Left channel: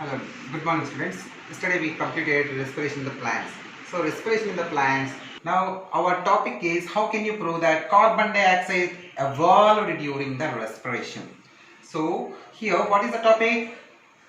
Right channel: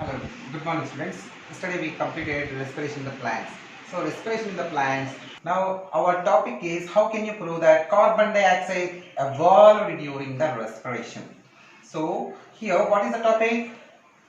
Hello, good morning students. Yesterday we completed respiration in the plants. So respiration in the plants. Now our topic is how can you prove that carbon dioxide evolved during the respiration. So here what is the topic?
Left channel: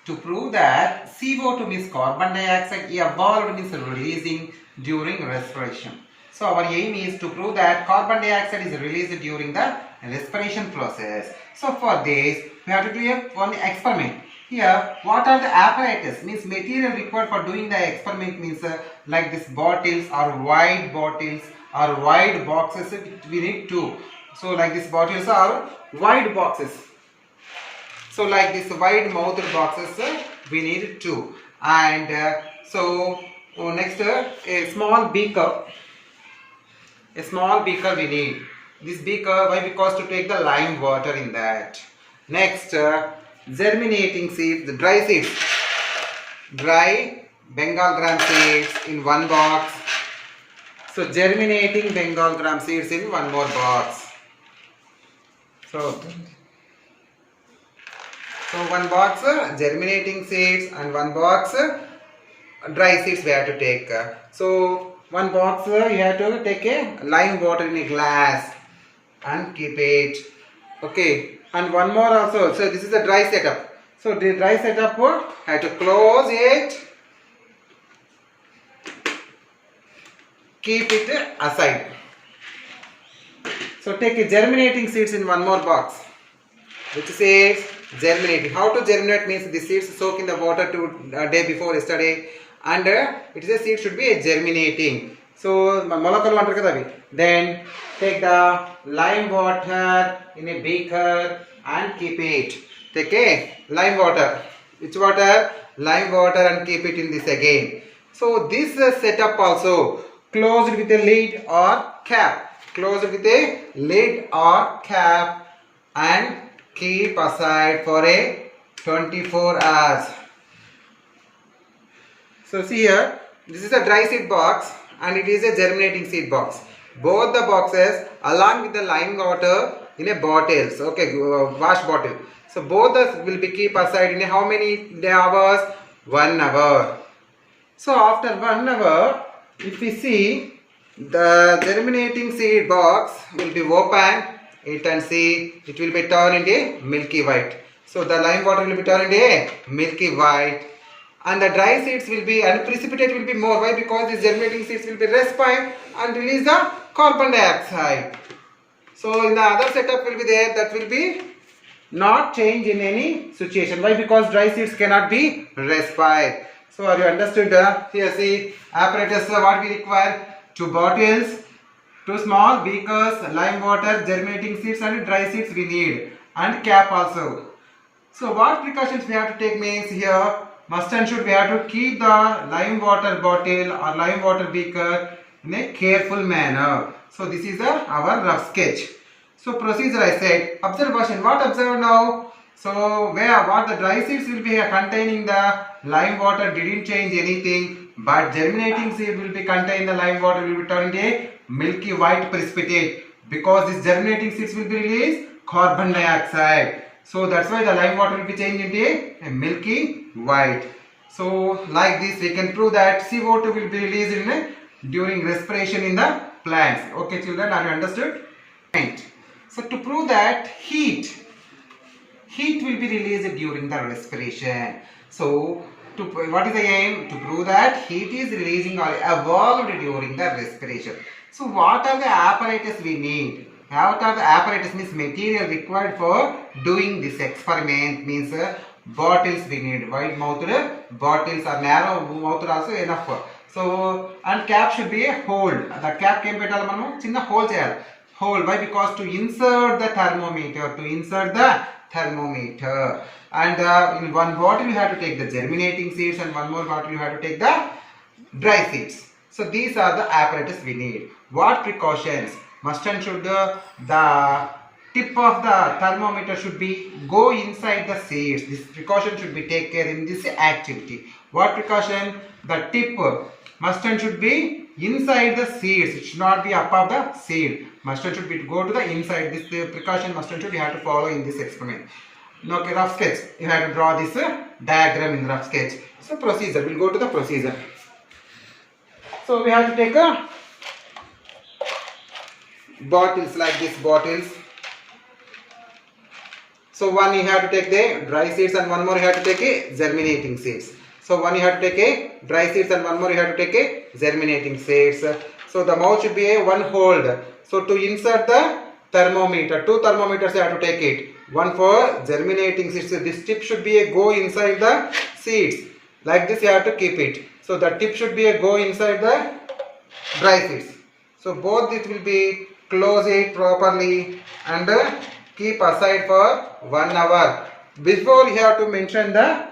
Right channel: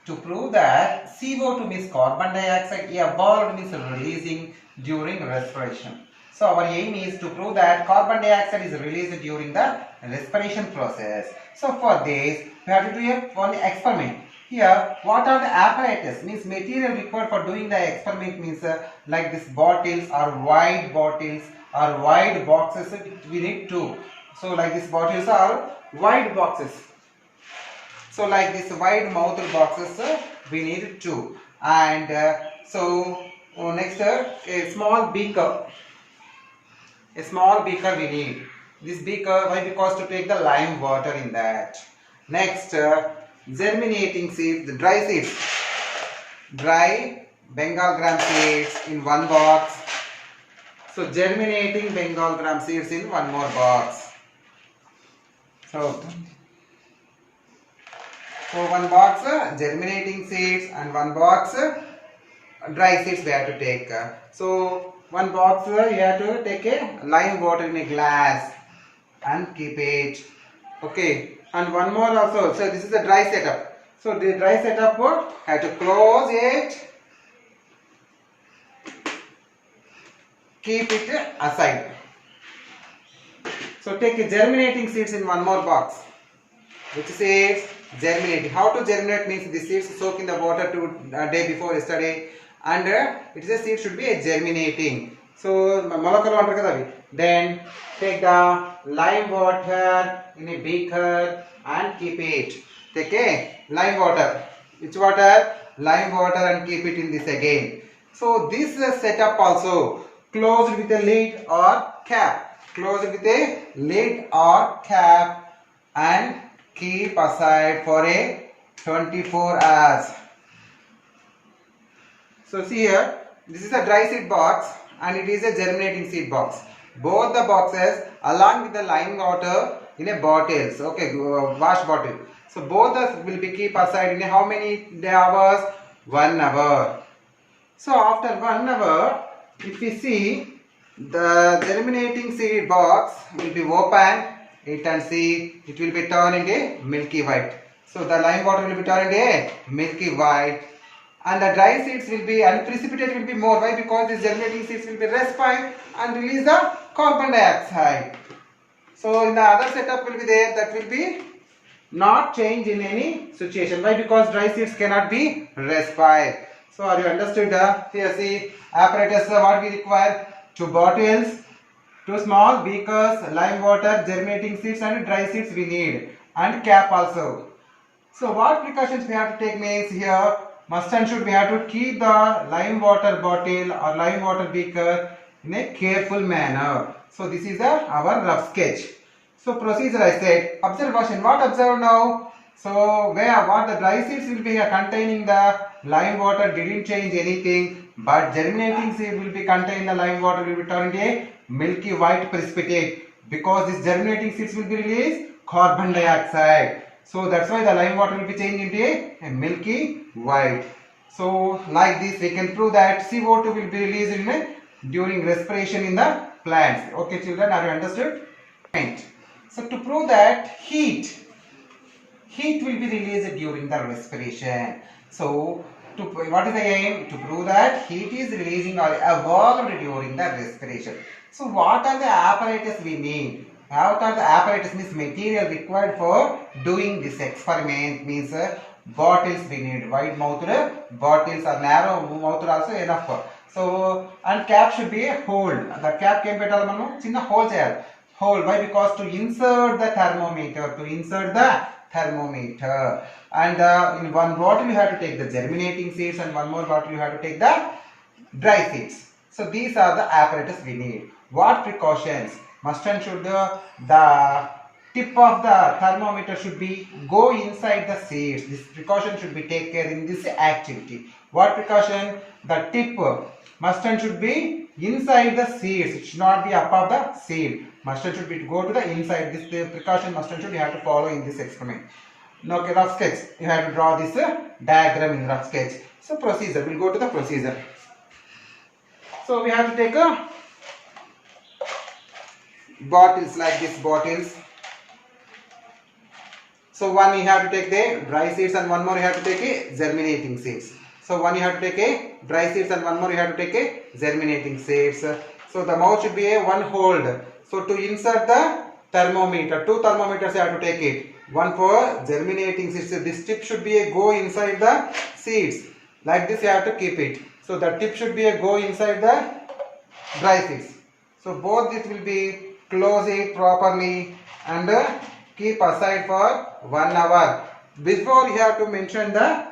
To prove that CO2 means carbon dioxide evolved means releasing during respiration. So our aim is to prove that carbon dioxide is released during the respiration process. So for this we have to do one experiment. Here, what are the apparatus? Means material required for doing the experiment means like this bottles or wide bottles or wide boxes. We need two. So like these bottles are wide boxes. So like this wide mouthed boxes we need two. And next a small beaker. A small beaker we need. This beaker, why? Because to take the lime water in that. Next, germinating seeds, the dry seeds. Dry Bengal gram seeds in one box. So germinating Bengal gram seeds in one more box. So one box germinating seeds and one box dry seeds we have to take. So one box you have to take a lime water in a glass and keep it. Okay, and one more also. So this is the dry setup. So the dry setup have to close it, keep it aside. So take a germinating seeds in one more box. Which seeds? Germinating. How to germinate means the seeds soak in the water day before yesterday, and it is a seed should be a germinating. So then take the lime water in a beaker and keep it. Take a lime water. Which water? Lime water, and keep it in this again. So this setup also closed with a lid or cap. Closed with a lid or cap and keep aside for a 24 hours. So see here, this is a dry seed box and it is a germinating seed box. Both the boxes along with the lime water in a bottles. Okay, wash bottle. So both will be keep aside in how many hours? 1 hour. So after 1 hour, if we see the germinating seed box will be open, it and see it will be turned into milky white. So the lime water will be turned into milky white, and the dry seeds will be, and precipitate will be more. Why? Because these germinating seeds will be respire and release the carbon dioxide. So in the other setup will be there, that will be not change in any situation. Why? Because dry seeds cannot be respired. So are you understood? Here see apparatus what we require: 2 bottles, 2 small beakers, lime water, germinating seeds and dry seeds we need, and cap also. So what precautions we have to take means here must and should we have to keep the lime water bottle or lime water beaker in a careful manner. So this is our rough sketch. So procedure I said. Observation, what observe now? So what the dry seeds will be containing the lime water didn't change anything, but germinating seed will be contain the lime water will be turned into a milky white precipitate, because this germinating seeds will be released carbon dioxide. So that's why the lime water will be changed into a milky white. So like this we can prove that CO2 will be released during respiration in the plants. Okay children, are you understood? Right. So to prove that heat will be released during the respiration. So what is the aim? To prove that heat is releasing or evolved during the respiration. So what are the apparatus we need? What are the apparatus means material required for doing this experiment means bottles we need. Wide mouthed bottles or narrow mouthed also enough. So and cap should be a hole. The cap came పెట్టాలి మనము చిన్న hole చేయాలి. Hole. Why? Because to insert the thermometer. And in one bottle you have to take the germinating seeds, and one more bottle you have to take the dry seeds. So these are the apparatus we need. What precautions? Must and should the tip of the thermometer should be go inside the seeds. This precaution should be taken in this activity. What precaution? The tip must and should be inside the seeds. It should not be above the seed. Must and should be go to the inside. This precaution must and should you have to follow in this experiment. Okay, rough sketch. You have to draw this diagram in rough sketch. So procedure, we'll go to the procedure. So we have to take a bottles like this bottles. So one you have to take the dry seeds and one more you have to take a germinating seeds. So one you have to take a dry seeds and one more you have to take a germinating seeds. So the mouth should be a one hold. So to insert the thermometer, two thermometers you have to take it. One for germinating seeds. So this tip should be a go inside the seeds. Like this you have to keep it. So the tip should be a go inside the dry seeds. So both it will be close it properly and keep aside for 1 hour. Before you have to mention the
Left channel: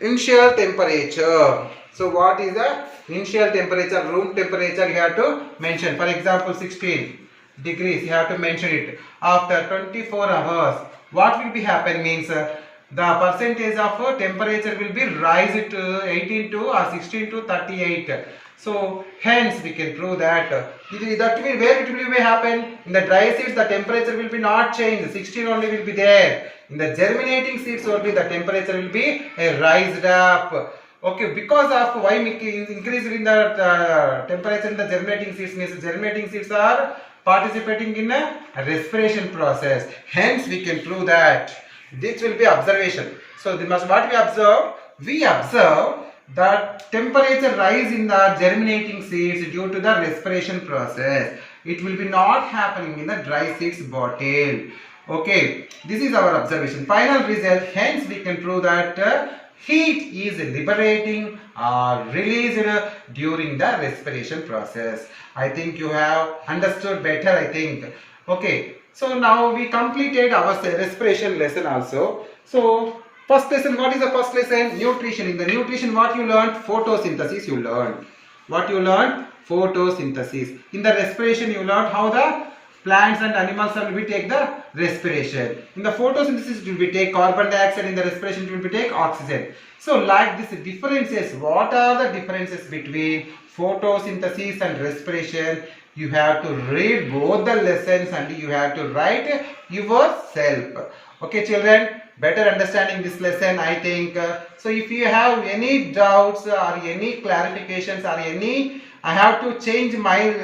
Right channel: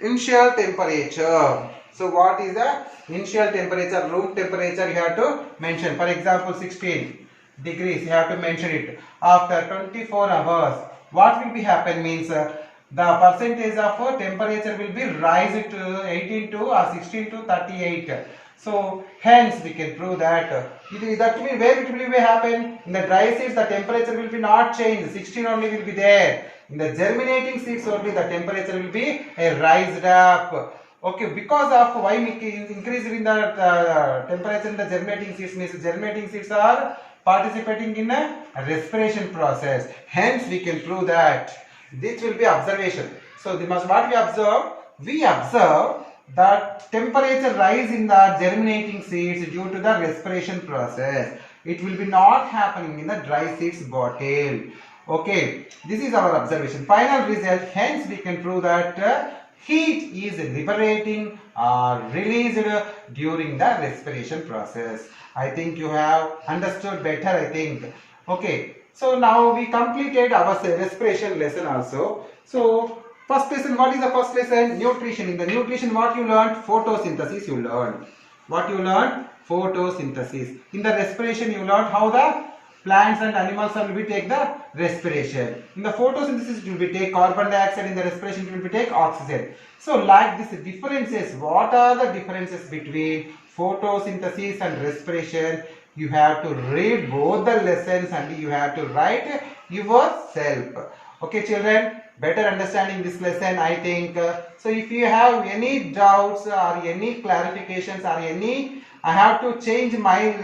initial temperature. So what is the initial temperature? Room temperature you have to mention. For example 16 degrees you have to mention it. After 24 hours what will be happen means the percentage of temperature will be rise to 18 to or 16 to 38. So hence we can prove that that will where it will be happen in the dry seeds the temperature will be not changed, 16 only will be there. In the germinating seeds only the temperature will be raised up. Okay, because of why increase in the temperature in the germinating seeds means germinating seeds are participating in a respiration process. Hence we can prove that this will be observation. So this must what we observe? We observe that temperature rise in the germinating seeds due to the respiration process. It will be not happening in the dry seeds bottle. Okay, this is our observation. Final result. Hence we can prove that heat is liberating or released during the respiration process. I think you have understood better, I think. Okay, so now we completed our respiration lesson also. So first lesson, what is the first lesson? Nutrition. In the nutrition, what you learned? Photosynthesis you learned. What you learned? Photosynthesis. In the respiration, you learned how the plants and animals will be take the respiration. In the photosynthesis, it will be take carbon dioxide. In the respiration, it will be take oxygen. So like this differences, what are the differences between photosynthesis and respiration? You have to read both the lessons and you have to write yourself. Okay children, better understanding this lesson I think. So if you have any doubts or any clarifications or any I have to change my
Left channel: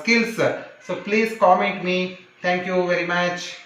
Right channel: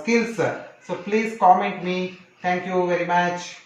skills, so please comment me. Thank you very much.